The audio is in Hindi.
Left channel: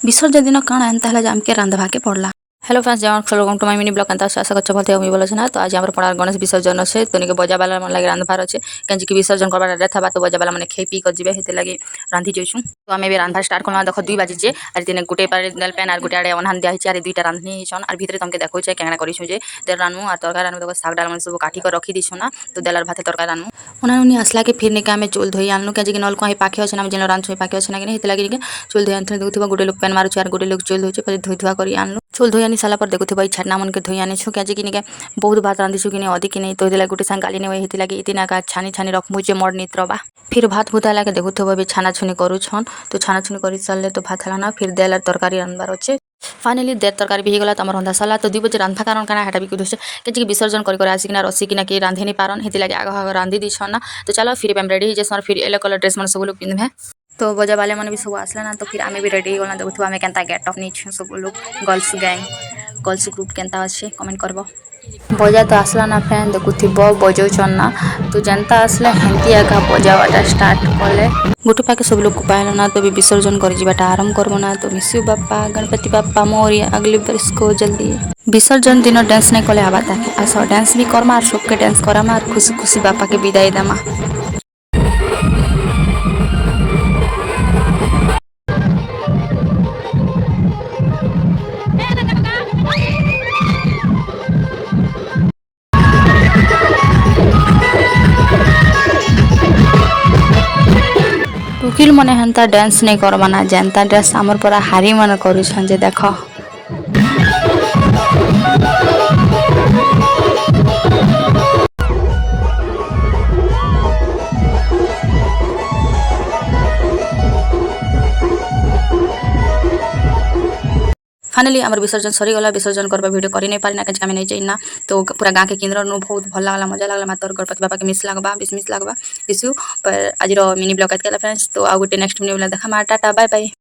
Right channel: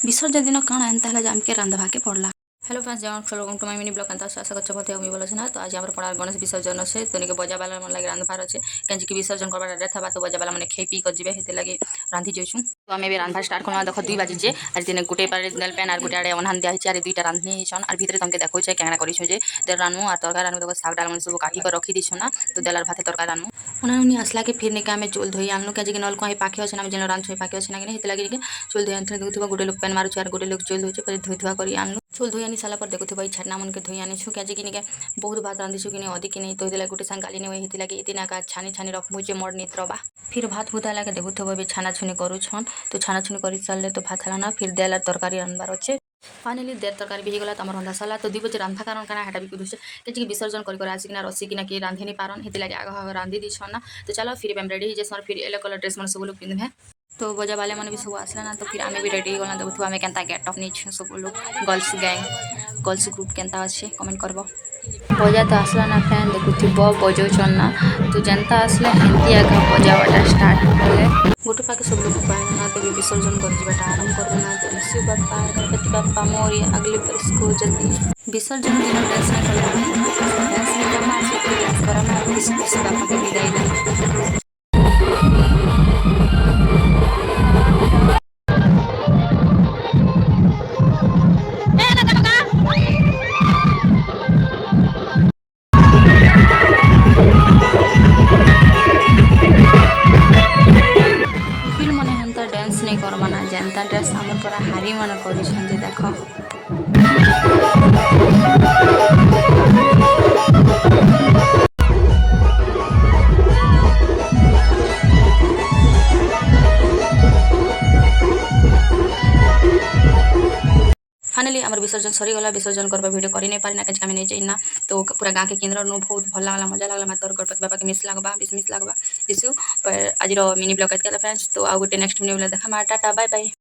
विसर्जन दिन काଣା एंता है आमके रांधवाके पड़ला। हेलो फ्रेंड्स, जय welcome to my mini blog. एंता आशा करछ भलते मुई बोलछ ना। तो आज हमर पड़ार गणेश विसर्जन अच्छे तो निके बजा वाला मन लगे रांधवार अच्छे केंजि कि विसर्जन करबा रे थबा तो बजा वाला माने खेई पी कर जिवे हेते लगे रांधि जइछु। तो आमे भी रांधवा स्टार्ट करला। देखो 2 बजे जे आज दिन गुटे पारे नेल पेन आर गुटे आडे अनहान दिया हिचे आर दुईटा रांधनी हिछन आर भितरे तमके देखौ छै केना करिछु जे देर रानू आर तरकारी रानू। देखो साग डाल मन सब काटी कर रखी दिछु ना। तो देलार भाते तरकारी रानू उनी असला के फिर निके आमे चूल धोई आनलु केंजि कि नल को पाखे अछि ना जेन रांधछु पाखे अछि ना कि हेते लगे चूल धोई आनथि। देखुथबा गुटे लोग पेन मारू आर गुटे लोग चूल धोइ पहिले धोइथवा करी आनलु। चूल धोई आनी साला पर देखुथबा ई छाटना मन के धोई आनी छु केंजि कि निके बहुत भात रांधिछु कि अधिक कि नहीं। तो हेते गुटे संग गाली नै हेते लगे इतना का छानी छानी रखमु जे मड नित्रबा। फिर भात भुता लागे देखुथबा बे छाना छुनी करू छन। तो छाना छुनी करी सारले तो भात हला ना फिर देला तरकारी रानबार अछि। फाइनली देर तरकारी भी गला तमर रंधा साला। तो 2 बजे रांधा कारण काना हेटा भी कुदुछ केंजि कि विसर्जन करी कर आसी किना रसी किना कि रांधे नि पारन हेते लगे आग रांधि दी छन ना। तो चलो फिर हम रेडी जे सर फिर येलो कलर ड्रेस मन सब लोग पिनभे। तो बजा वाले मन भी सब आसला ना। तो फिर आमे भी रेडी गला देखुथबा आमे केनता गेट ऑफ नी छु सब लोग गर्ल्स गैंग गर्ल्स ग्रुप केनता अच्छे कमेंट करबो। बजा तो आसला ना फ्रेंड देखुथब बजौ छन ना। तो जनता आसले हेंती आगा बजावाटा स्टार्ट कले गुटे पाके सब लोग पाइल ना। तो भी विसर्जन कर जीवाटा आरंभ करबो ना। तो मिस्यू बाप्पा गणपति बाप्पा मोरिया अगले बरस को जल्दी विसर्जन दिन डांस नहीं कले आबाता कि आस डांस भी करमा सबके डांस करामा खुशी खुशी बाप्पा के विदाई देमा। टुकिल मने हेंता डांस नहीं करबा ना जनता डांस हमर पूरा हारी मन करू छन जे देखो। फाइनली आमर विसर्जन सरी गला। विसर्जन करबा वीडियो करी नहीं पारी ना केंजि नहीं चाहिए तो पूरा गाँव के केंद्र नु बहुत भल लागला मजा लागला। मातर गणपति बाबा के मिस लागबा मिस लागबा इशू पर आज मिनी ब्लॉग फ्रेंड्स। तो आ गुटे नेक्स्ट वीडियो देखा टाटा बाय बाय।